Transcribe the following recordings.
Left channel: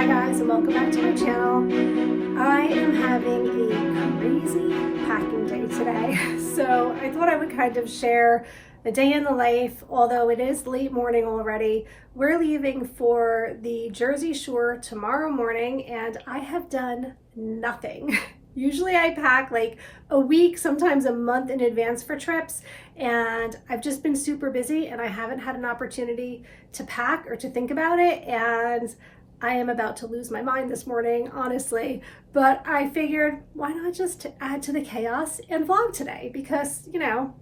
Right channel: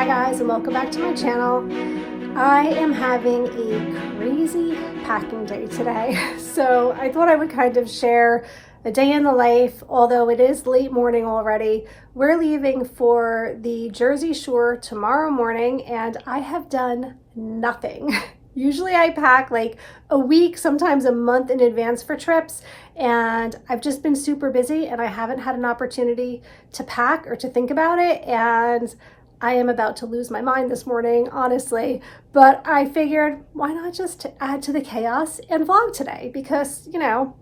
Hi guys, and welcome back to my channel. I am having a crazy packing day today, so I thought I would kind of share a day in the life, although it is late morning already. We're leaving for the Jersey Shore tomorrow morning, and I have done nothing. Usually I pack like a week, sometimes a month in advance for trips, and I've just been super busy and I haven't had an opportunity to pack or to think about it, and I am about to lose my mind this morning, honestly. But I figured, why not just add to the chaos and vlog today? Because, you know,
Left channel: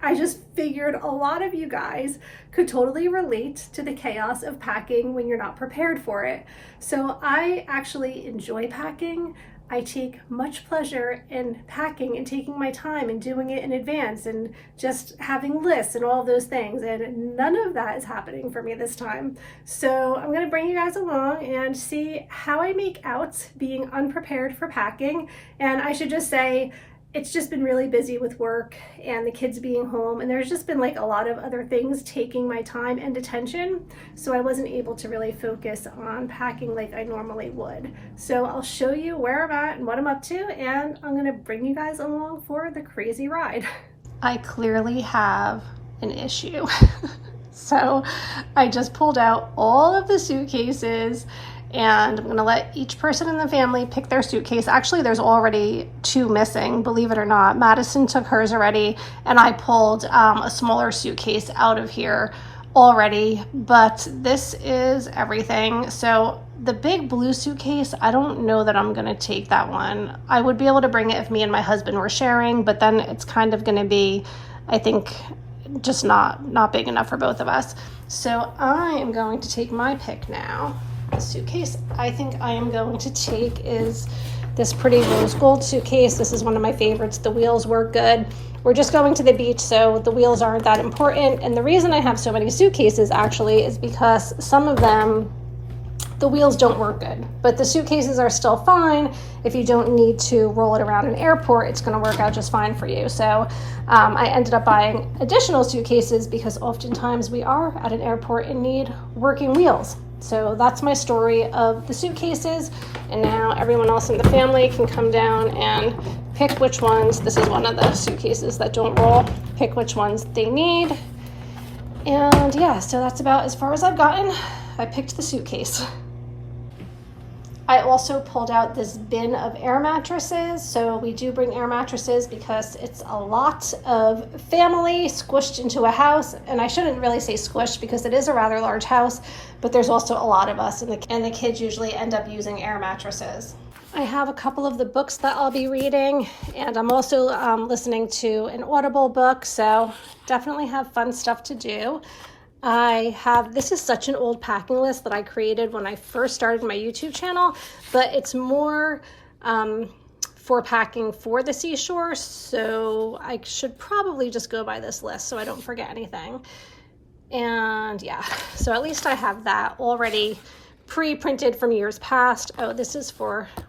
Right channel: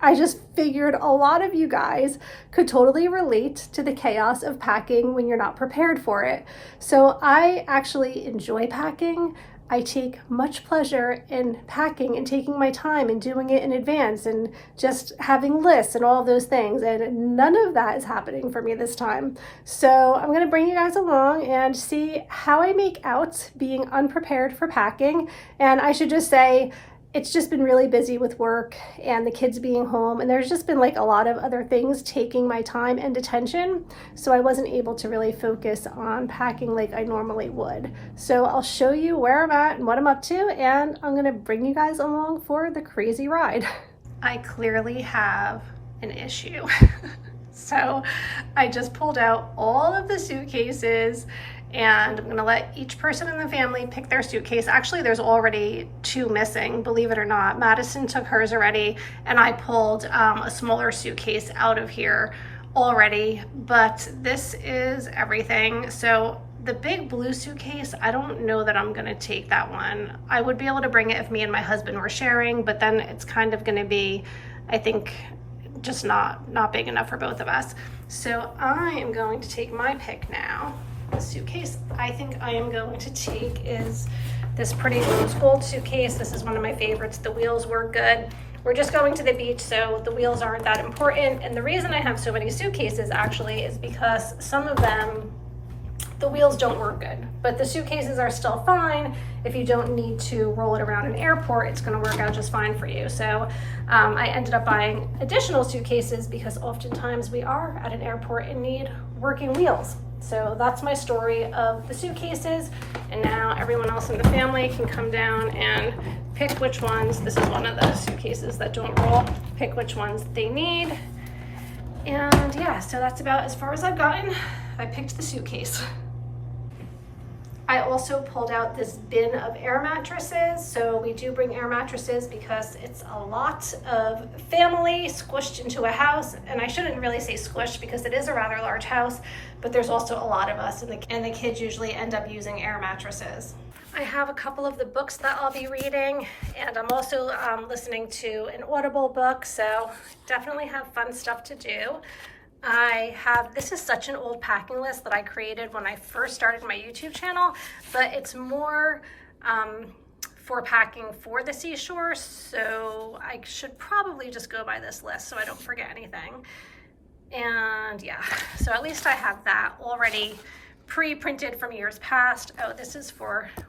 I just figured a lot of you guys could totally relate to the chaos of packing when you're not prepared for it. So I actually enjoy packing. I take much pleasure in packing and taking my time and doing it in advance and just having lists and all of those things. And none of that is happening for me this time. So I'm going to bring you guys along and see how I make out being unprepared for packing. And I should just say, it's just been really busy with work and the kids being home, and there's just been like a lot of other things taking my time and attention, so I wasn't able to really focus on packing like I normally would. So I'll show you where I'm at and what I'm up to, and I'm gonna bring you guys along for the crazy ride. I clearly have an issue. So I just pulled out all of the suitcases, and I'm gonna let each person in the family pick their suitcase. Actually, there's already 2 missing, believe it or not. Madison took hers already, and I pulled a smaller suitcase out of here already, but this is everything. So the big blue suitcase, I don't know that I'm gonna take that one. I would be able to bring it if me and my husband were sharing, but then it's kind of gonna be, I think, just not big enough for both of us. So I am going to take my pick now. The suitcase I think I am going to take is this pretty rose gold suitcase. This is one of my favorites. The wheels work good. We're just going to the beach, so the wheels aren't that important. And the reason I have so many suitcases actually is because some of them, the wheels don't work good, but the suitcases are still fine. If you don't need to roll it around an airport, it's going to work out just fine for you. So I ended up buying additional suitcases because oftentimes we are at an airport and need working wheels. So that's my story of the suitcases, and now everyone else in the family can come down and pick which ones. This is one of the suitcases that don't roll. Pick which ones they need. And yeah, so that's about as far as I've gotten. I picked the suitcase. I also pulled out this bin of air mattresses. So we do bring air mattresses because it's a lot of family squished into a house. And I shouldn't really say squished because it is a rather large house, but there's also a lot of us, and the kids usually end up using air mattresses. I have a couple of the books that I'll be reading, and I'm also listening to an Audible book, so definitely have fun stuff to do. This is such an old packing list that I created when I first started my YouTube channel, but it's more for packing for the seashore, so I should probably just go by this list so I don't forget anything. And yeah, so at least I have that already pre-printed from years past. Oh, this is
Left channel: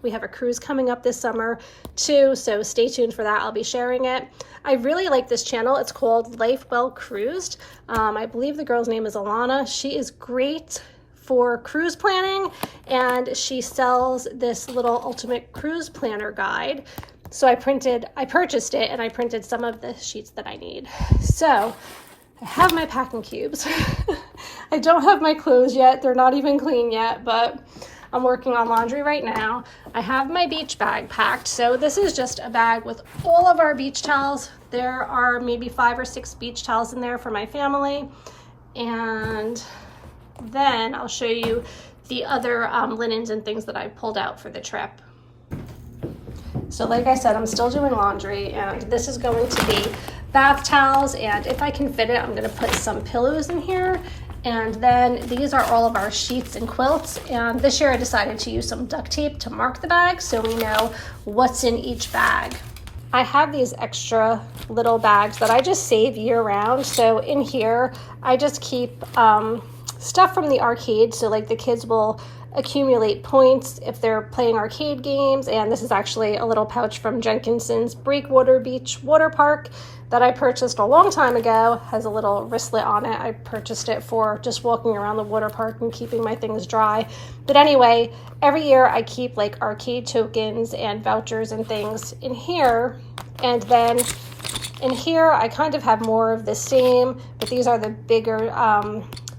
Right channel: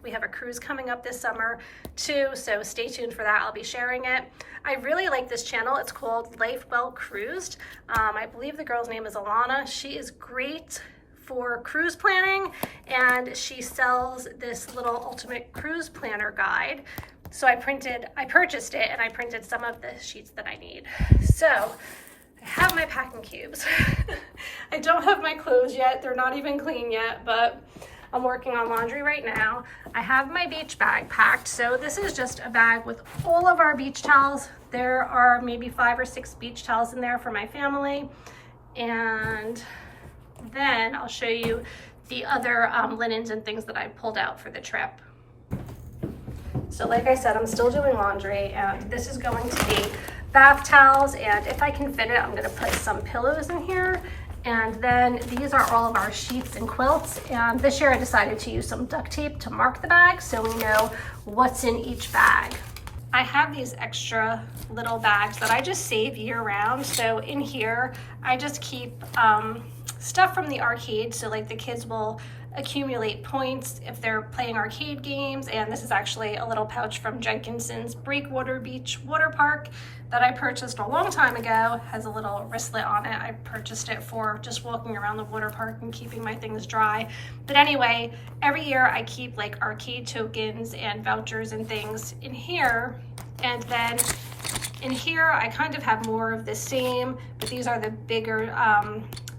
we have a cruise coming up this summer too, so stay tuned for that. I'll be sharing it. I really like this channel. It's called Life Well Cruised. I believe the girl's name is Alana. She is great for cruise planning, and she sells this little ultimate cruise planner guide. So I purchased it, and I printed some of the sheets that I need. So I have my packing cubes. I don't have my clothes yet. They're not even clean yet, but I'm working on laundry right now. I have my beach bag packed. So this is just a bag with all of our beach towels. There are maybe 5 or 6 beach towels in there for my family. And then I'll show you the other linens and things that I pulled out for the trip. So like I said, I'm still doing laundry, and this is going to be bath towels, and if I can fit it, I'm going to put some pillows in here. And then these are all of our sheets and quilts, and this year I decided to use some duct tape to mark the bag so we know what's in each bag. I have these extra little bags that I just save year round. So in here I just keep stuff from the arcade, so like the kids will accumulate points if they're playing arcade games. And this is actually a little pouch from Jenkinson's Breakwater Beach Water Park that I purchased a long time ago. Has a little wristlet on it. I purchased it for just walking around the water park and keeping my things dry. But anyway, every year I keep like arcade tokens and vouchers and things in here. And then in here I kind of have more of the same, but these are the bigger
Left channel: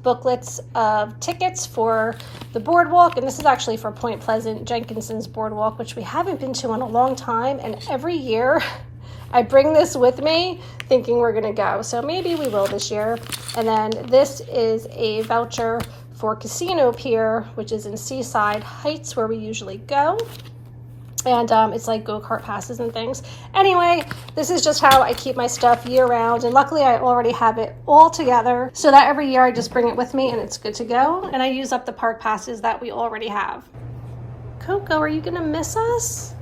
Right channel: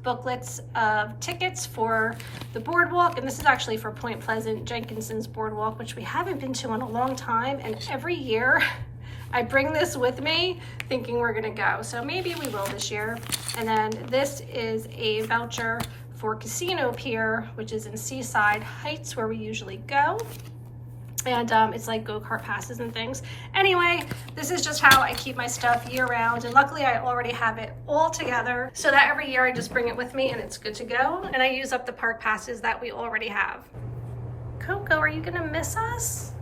booklets of tickets for the boardwalk. And this is actually for Point Pleasant, Jenkinson's boardwalk, which we haven't been to in a long time. And every year I bring this with me thinking we're gonna go. So maybe we will this year. And then this is a voucher for Casino Pier, which is in Seaside Heights where we usually go. And it's like go-kart passes and things. Anyway, this is just how I keep my stuff year round. And luckily I already have it all together so that every year I just bring it with me and it's good to go. And I use up the park passes that we already have. Coco, are you gonna miss us?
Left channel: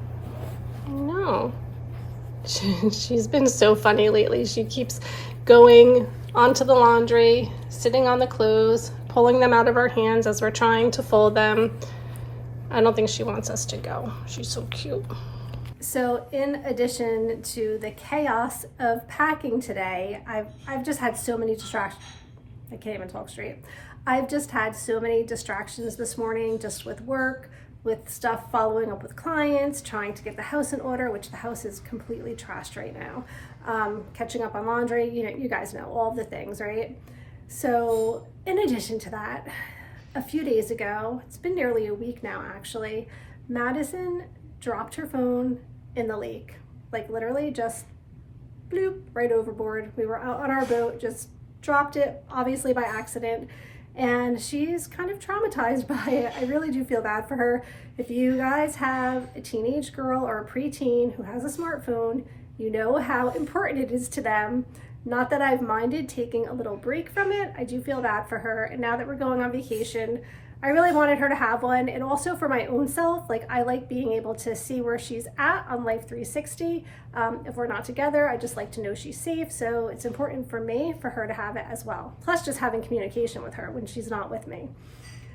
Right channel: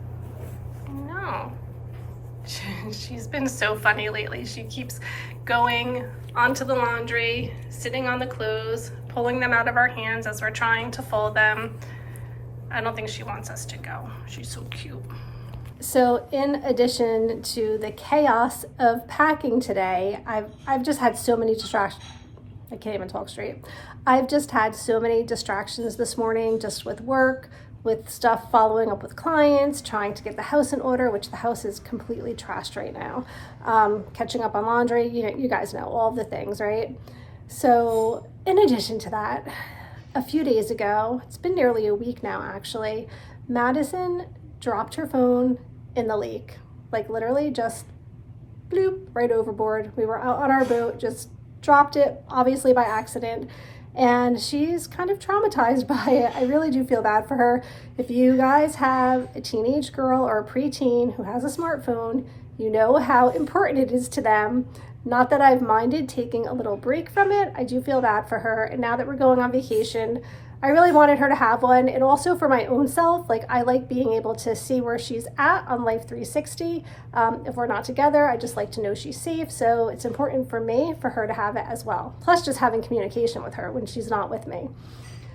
No. She's been so funny lately. She keeps going onto the laundry, sitting on the clothes, pulling them out of our hands as we're trying to fold them. I don't think she wants us to go. She's so cute. So in addition to the chaos of packing today, I've just had so many distractions. I can't even talk straight. I've just had so many distractions this morning, just with work, with stuff following up with clients, trying to get the house in order, which the house is completely trashed right now. Catching up on laundry, you guys know all the things, right? So in addition to that, a few days ago, it's been nearly a week now actually, Madison dropped her phone in the lake. Like literally just bloop, right overboard. We were out on our boat, just dropped it, obviously by accident. And she's kind of traumatized by it. I really do feel bad for her. If you guys have a teenage girl or a preteen who has a smartphone, you know how important it is to them. Not that I've minded taking a little break from it. I do feel bad for her. And now that we're going on vacation, I really wanted her to have one. And also for my own self, like I like being able to see where she's at on Life 360. If we're not together, I just like to know she's safe. So it's important for me for her to have it as well. Plus just having communication with her when she's not with me.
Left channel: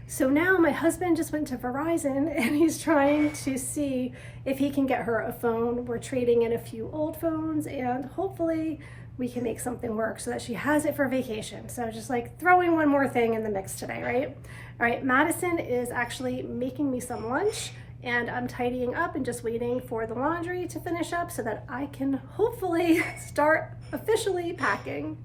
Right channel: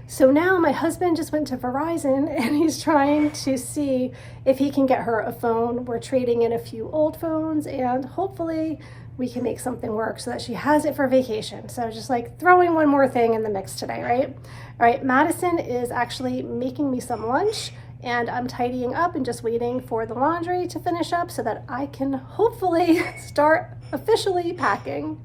So now my husband just went to Verizon and he's trying to see if he can get her a phone. We're trading in a few old phones and hopefully we can make something work so that she has it for vacation. So just like throwing one more thing in the mix today, right? All right, Madison is actually making me some lunch and I'm tidying up and just waiting for the laundry to finish up so that I can hopefully start officially packing.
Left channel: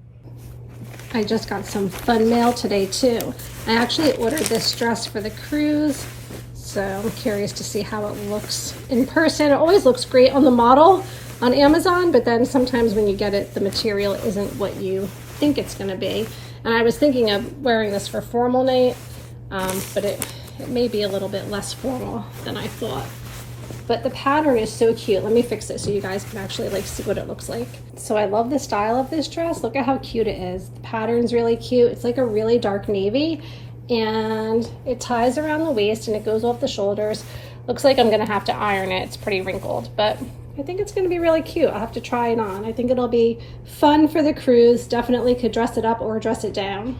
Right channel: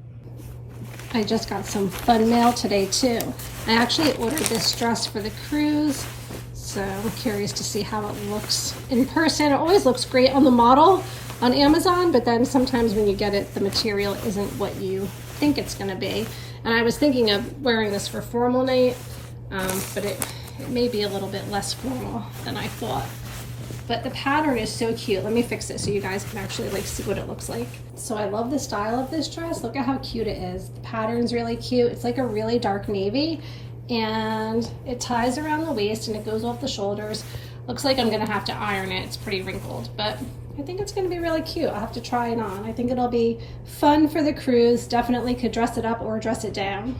I just got some fun mail today too. I actually ordered this dress for the cruise, so I'm curious to see how it looks in person. It always looks great on the model on Amazon, but then sometimes when you get it, the material isn't what you think it's gonna be. And I was thinking of wearing this for formal night, but it may be a little bit less formal than I thought. But the pattern is so cute. Let me fix it so you guys can actually like see what it looks like. So I love the style of this dress. Look at how cute it is. The pattern's really cute. It's like a really dark navy and it ties around the waist and it goes off the shoulders. Looks like I'm gonna have to iron it. It's pretty wrinkled, but I think it's gonna be really cute. I'll have to try it on. I think it'll be fun for the cruise. Definitely could dress it up or dress it down.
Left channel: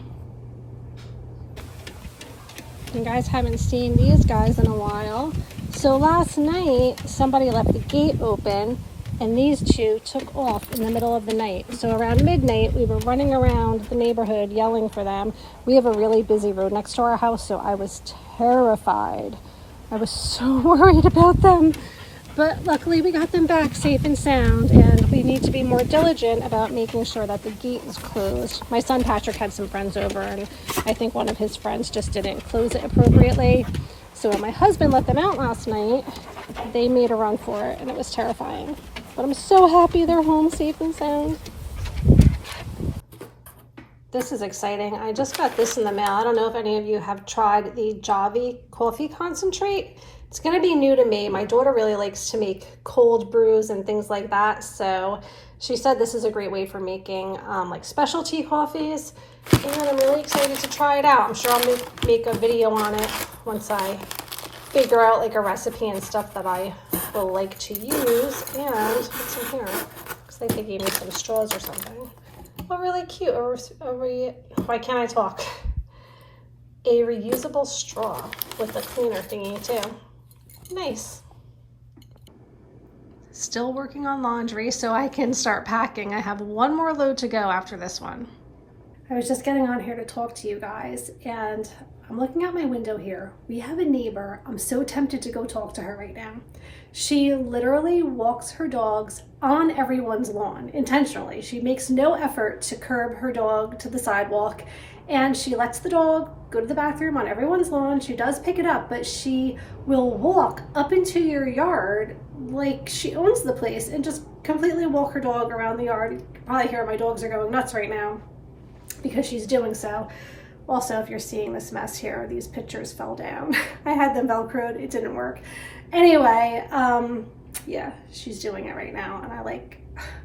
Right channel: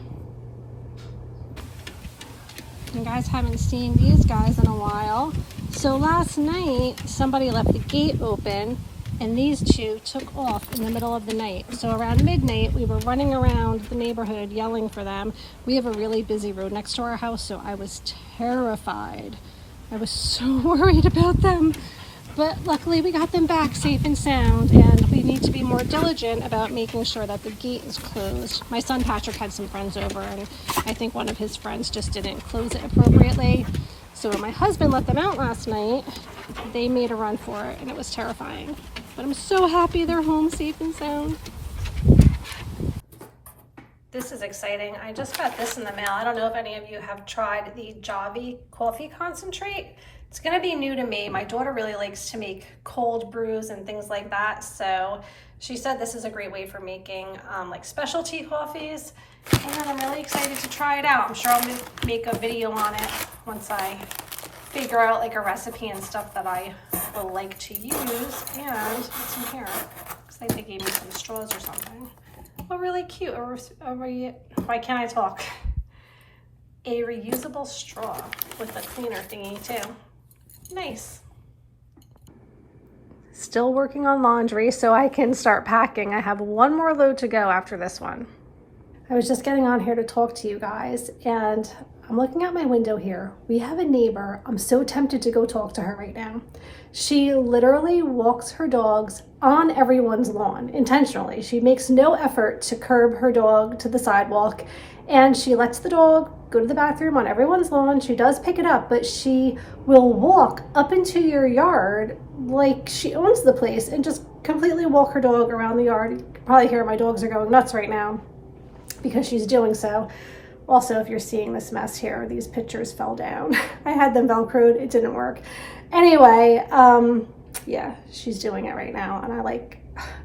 You guys haven't seen these guys in a while. So last night, somebody left the gate open and these two took off in the middle of the night. So around midnight, we were running around the neighborhood yelling for them. We have a really busy road next to our house, so I was terrified. I was so worried about them. But luckily we got them back safe and sound, and we need to be more diligent about making sure that the gate is closed. My son Patrick had some friends over and I think one of his friends just didn't close it appropriately. So when my husband let them out last night, they made a run for it and it was terrifying. But I'm so happy they're home safe and sound. This is exciting. I just got this in the mail. I don't know if any of you have tried the Javy Coffee concentrate. It's gonna be new to me. My daughter really likes to make cold brews and things like that. So she said this is a great way for making like specialty coffees. And I'm really excited to try it out. I'm sure I'll make a video on it once I figure out like a recipe and stuff that I will like to use. And what's in here? Looks like they gave me some straws or something. Oh, really cute. Why can't I talk? a reusable straw with a cleaner thingy too. Nice. Still working on laundry so I can start packing. I have one more load to go after this one. I was just getting on here to talk to you guys, and I'm looking out my window here. We have a neighbor. I'm so tempted to go talk to her right now. She literally walks her dogs on everyone's lawn intentionally. She makes no effort to curb her dog to the sidewalk, and she lets the dog go to the bathroom on everyone's lawn. She does pick it up, but she will walk up into your yard like she owns the place and just completely walk her dog around the yard. You can probably hear my dogs are going nuts right now because she's doing so. Also, if you're seeing this mess here, these pictures fell down. I had them Velcroed, it didn't work. Anyway, yeah, she's doing it right now, and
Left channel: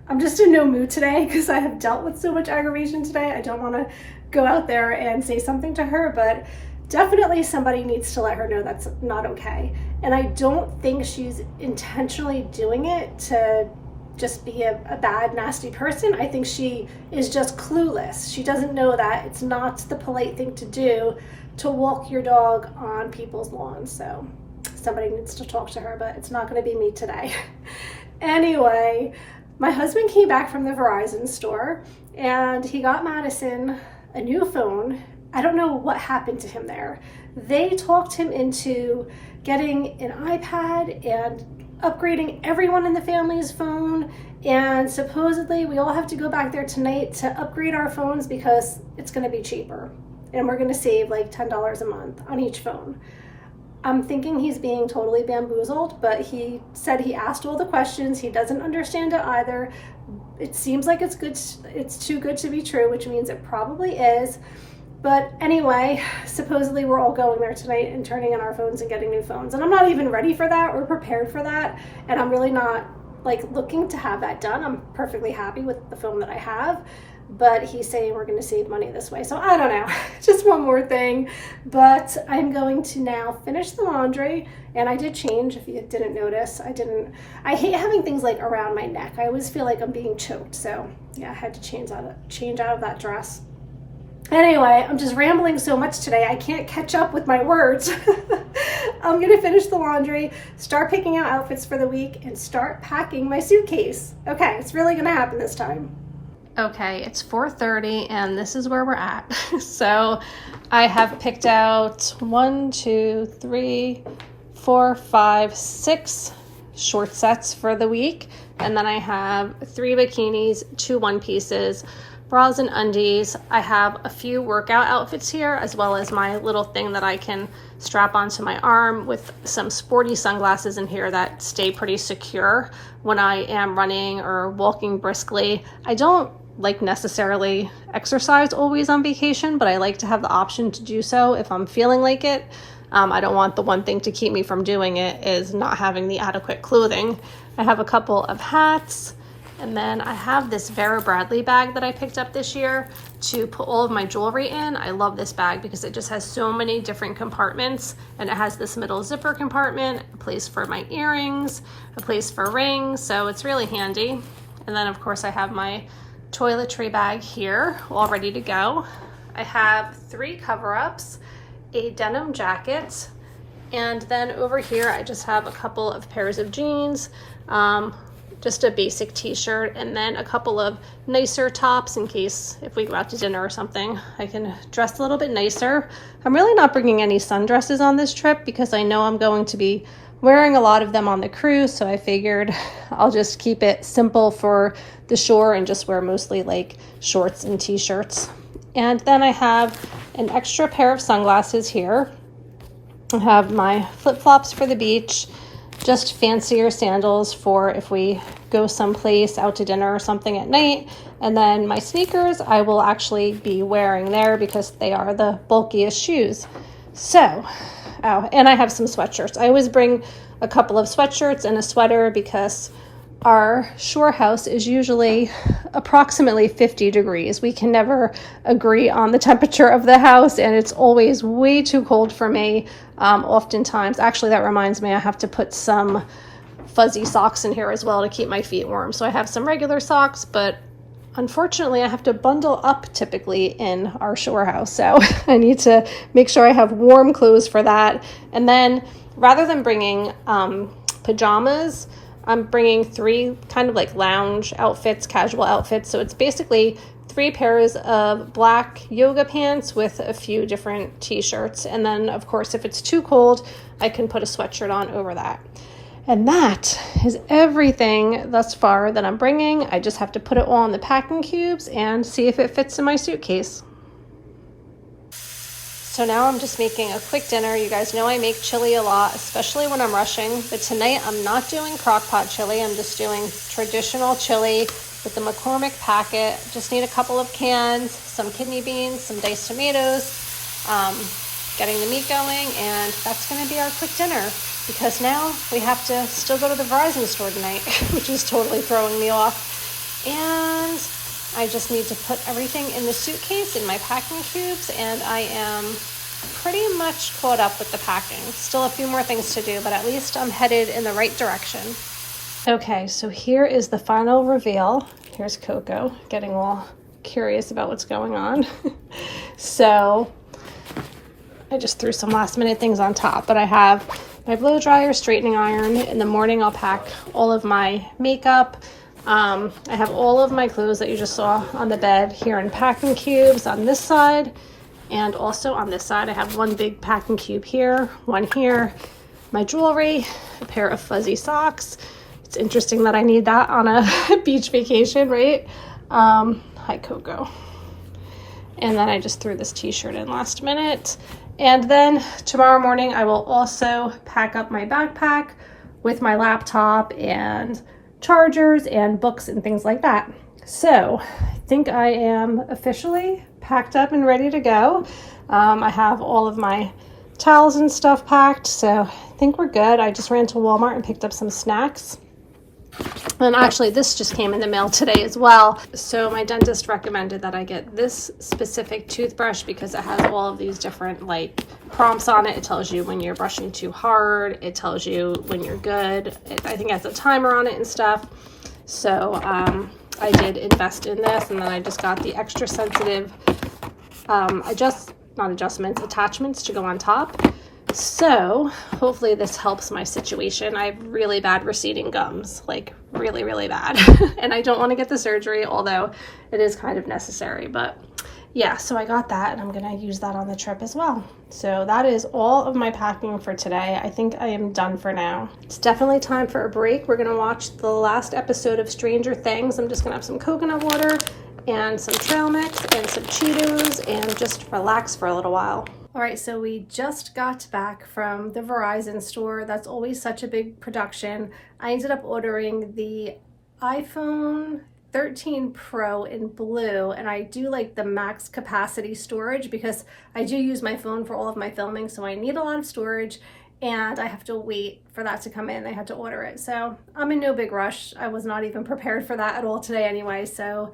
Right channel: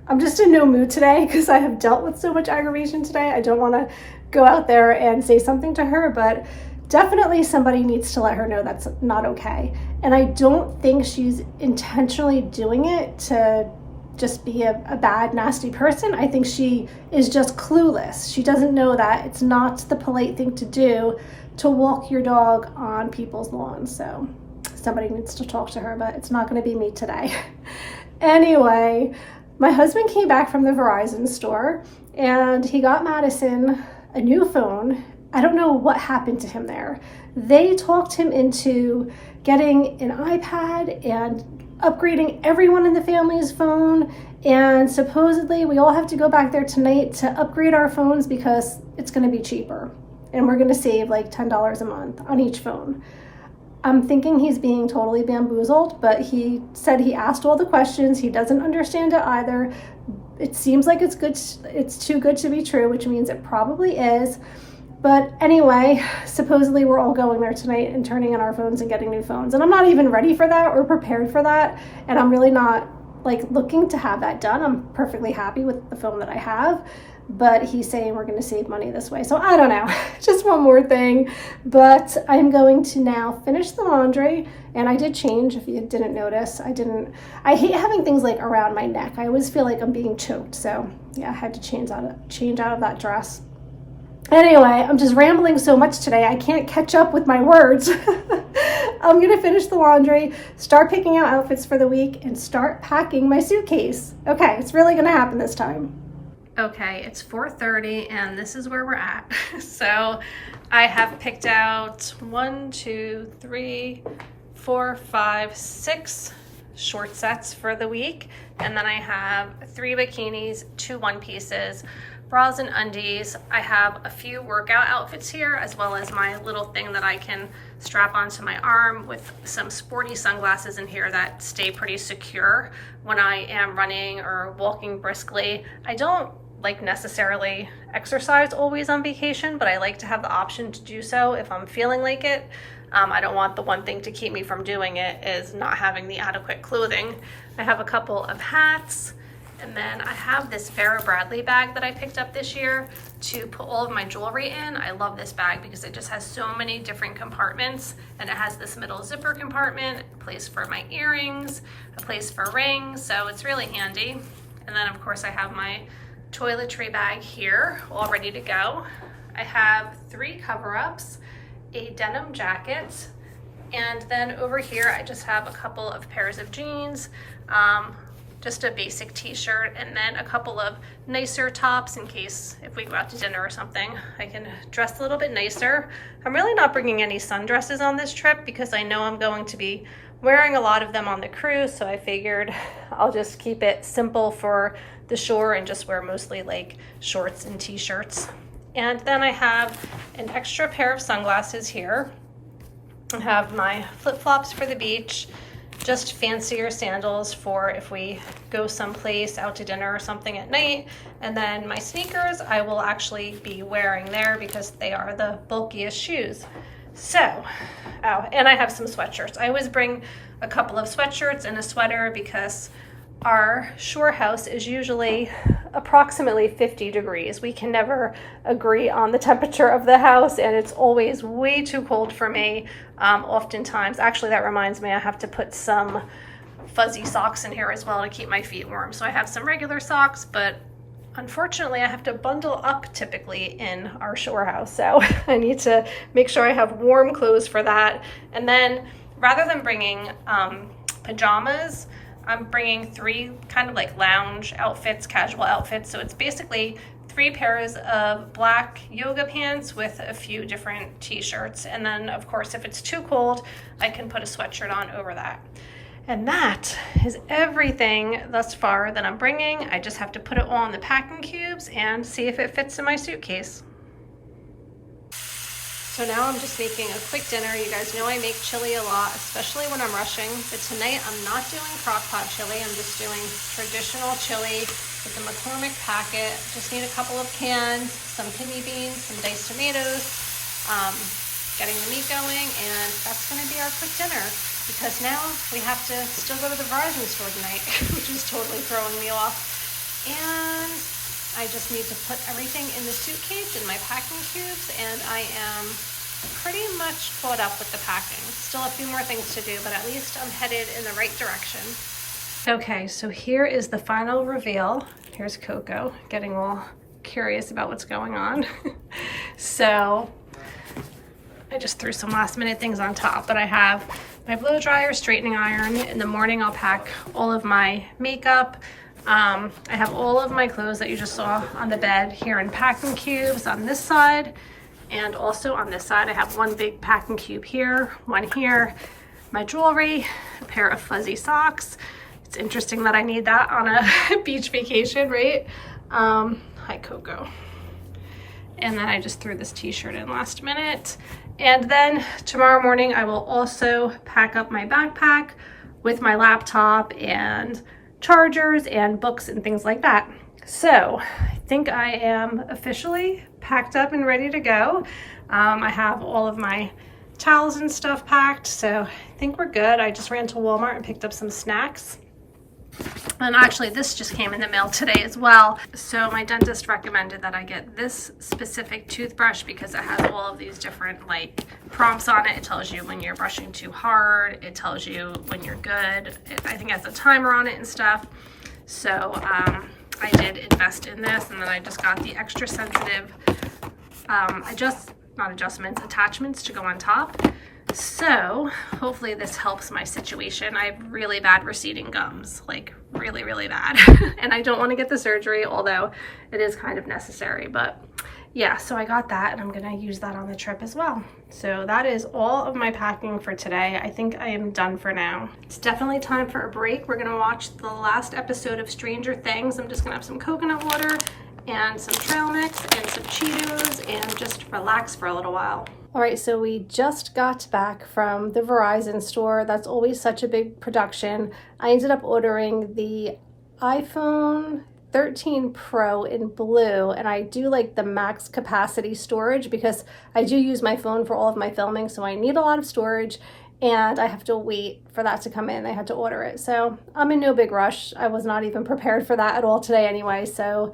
I'm just in no mood today because I have dealt with so much aggravation today. I don't want to go out there and say something to her, but definitely somebody needs to let her know that's not okay. And I don't think she's intentionally doing it to just be a bad, nasty person. I think she is just clueless. She doesn't know that it's not the polite thing to do to walk your dog on people's lawns. So somebody needs to talk to her, but it's not going to be me today. Anyway, my husband came back from the Verizon store and he got Madison a new phone. I don't know what happened to him there. They talked him into getting an iPad and upgrading everyone in the family's phone, and supposedly we all have to go back there tonight to upgrade our phones because it's going to be cheaper and we're going to save like $10 a month on each phone. I'm thinking he's being totally bamboozled, but he said he asked all the questions. He doesn't understand it either. It seems like it's good. It's too good to be true, which means it probably is. But anyway, supposedly we're all going there tonight and turning in our phones and getting new phones. And I'm not even ready for that or prepared for that. And I'm really not looking to have that done. I'm perfectly happy with the phone that I have. But he's saying we're going to save money this way. So I don't know, just one more thing. But I'm going to now finish the laundry. And I did change, if you didn't notice. I hate having things around my neck. I always feel like I'm being choked. So yeah, I had to change out of that dress. Anyway, I'm just rambling so much today, I can't catch up with my words. I'm going to finish the laundry, start picking out outfits for the week, and start packing my suitcase. Okay, it's really going to happen this time. Okay, it's 4:30 and this is where we're at. So I have picked out 1, 2, 3, 4, 5, 6 short sets for the week. And then I have 3 bikinis, 2 one-pieces, bras and undies. I have a few workout outfits here, as well as my little thing that I can strap onto my arm with some sporty sunglasses in here that stay pretty secure when I am running or walking briskly. I don't necessarily exercise always on vacation, but I like to have the option to do so if I'm feeling like it. I don't want the one thing to keep me from doing it is not having the adequate clothing. I have a couple of hats. And then I have this Vera Bradley bag that I picked up this year to put all of my jewelry in. I love this bag because it just has so many different compartments, and it has this middle zipper compartment, a place for my earrings, a place for rings, so it's really handy. And then of course I have my toiletry bag here all ready to go. I have 3 cover-ups, a denim jacket, and then over here I just have a couple of pairs of jeans, just a basic t-shirt, and then a couple of nicer tops in case if we go out to dinner or something, I can dress a little bit nicer. I'm really not bringing any sundresses on this trip because I know I'm going to be wearing a lot of them on the cruise, so I figured I'll just keep it simple for the shore and just wear mostly shorts and t-shirts. And then I have an extra pair of sunglasses here. I have my flip-flops for the beach, just fancier sandals for if we go someplace out to dinner or something at night. And then my sneakers I will actually be wearing there because they are the bulkiest shoes. So, oh, and I have some sweatshirts. I always bring a couple of sweatshirts and a sweater because our shore house is usually approximately 50 degrees. We can never agree on the temperature of the house, and it's always way too cold for me. Oftentimes, actually that reminds me, I have to put some fuzzy socks in here as well to keep my feet warm. So I have some regular socks, but unfortunately I have to bundle up typically in our shore house, so I need to make sure I have warm clothes for that. And then rather than bringing pajamas, I'm bringing 3 kind of like lounge outfits, casual outfits. So it's basically 3 pairs of black yoga pants with a few different t-shirts. And then of course, if it's too cold, I can put a sweatshirt on over that. And that is everything thus far that I'm bringing. I just have to put it all in the packing cubes and see if it fits in my suitcase. So now I'm just making a quick dinner. You guys know I make chili a lot, especially when I'm rushing. But tonight I'm not doing crock pot chili. I'm just doing traditional chili with the McCormick packet. Just need a couple of cans, some kidney beans, some diced tomatoes, getting the meat going, and that's gonna be our quick dinner. Because now we have to still go to the Verizon store tonight, which is totally throwing me off. And I just need to put everything in the suitcase in my packing cubes, and I am pretty much caught up with the packing. Still a few more things to do, but at least I'm headed in the right direction. Okay, so here is the final reveal. Here's Coco getting all curious about what's going on. So I just threw some last minute things on top, but I have my blow dryer, straightening iron. In the morning I'll pack all of my makeup. I have all of my clothes that you just saw on the bed here in packing cubes on this side, and also on this side I have one big packing cube here, one here, my jewelry, a pair of fuzzy socks. It's interesting that I need that on a beach vacation, right? Hi Coco. And then I just threw this t-shirt in last minute. And then tomorrow morning I will also pack up my backpack with my laptop and chargers and books and things like that. So I think I am officially packed up and ready to go. I have all of my towels and stuff packed, so I think we're good. I just ran to Walmart and picked up some snacks. And actually this just came in the mail today as well. So my dentist recommended that I get this specific toothbrush because it has all of these different like prompts on it. It tells you when you're brushing too hard. It tells you when you're good. I think it has a timer on it and stuff. So I did invest in this, and then I just got the extra sensitive attachments to go on top. So hopefully this helps my situation. I have really bad receding gums, like really, really bad. And I don't want to get the surgery, although it is kind of necessary. But yeah, so I got that, and I'm going to use that on the trip as well. So that is all of my packing for today. I think I am done for now. It's definitely time for a break. We're going to watch the last episode of Stranger Things. I'm just going to have some coconut water and some trail mix and some Cheetos and just relax for a little while. All right, so we just got back from the Verizon store. That's always such a big production. I ended up ordering the iPhone 13 Pro in blue, and I do like the max capacity storage because I do use my phone for all of my filming, so I need a lot of storage, and I have to wait for that to come in. I had to order it, so I'm in no big rush. I was not even prepared for that at all today anyway, so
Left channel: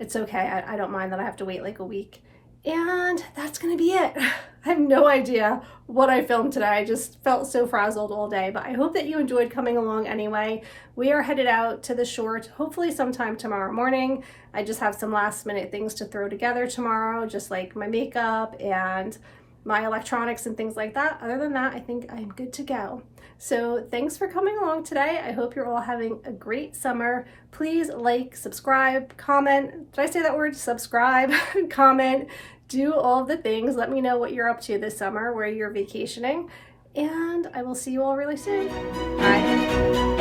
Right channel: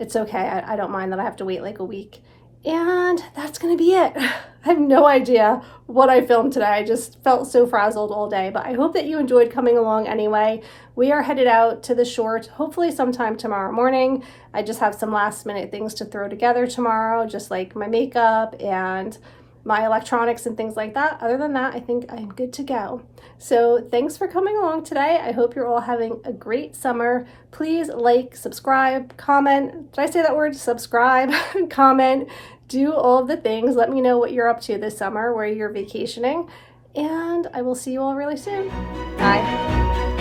it's okay. I don't mind that I have to wait like a week. And that's gonna be it. I have no idea what I filmed today. I just felt so frazzled all day, but I hope that you enjoyed coming along anyway. We are headed out to the shore, hopefully sometime tomorrow morning. I just have some last minute things to throw together tomorrow, just like my makeup and my electronics and things like that. Other than that, I think I'm good to go. So thanks for coming along today. I hope you're all having a great summer. Please like, subscribe, comment. Did I say that word? Subscribe, comment. Do all of the things. Let me know what you're up to this summer, where you're vacationing, and I will see you all really soon. Bye.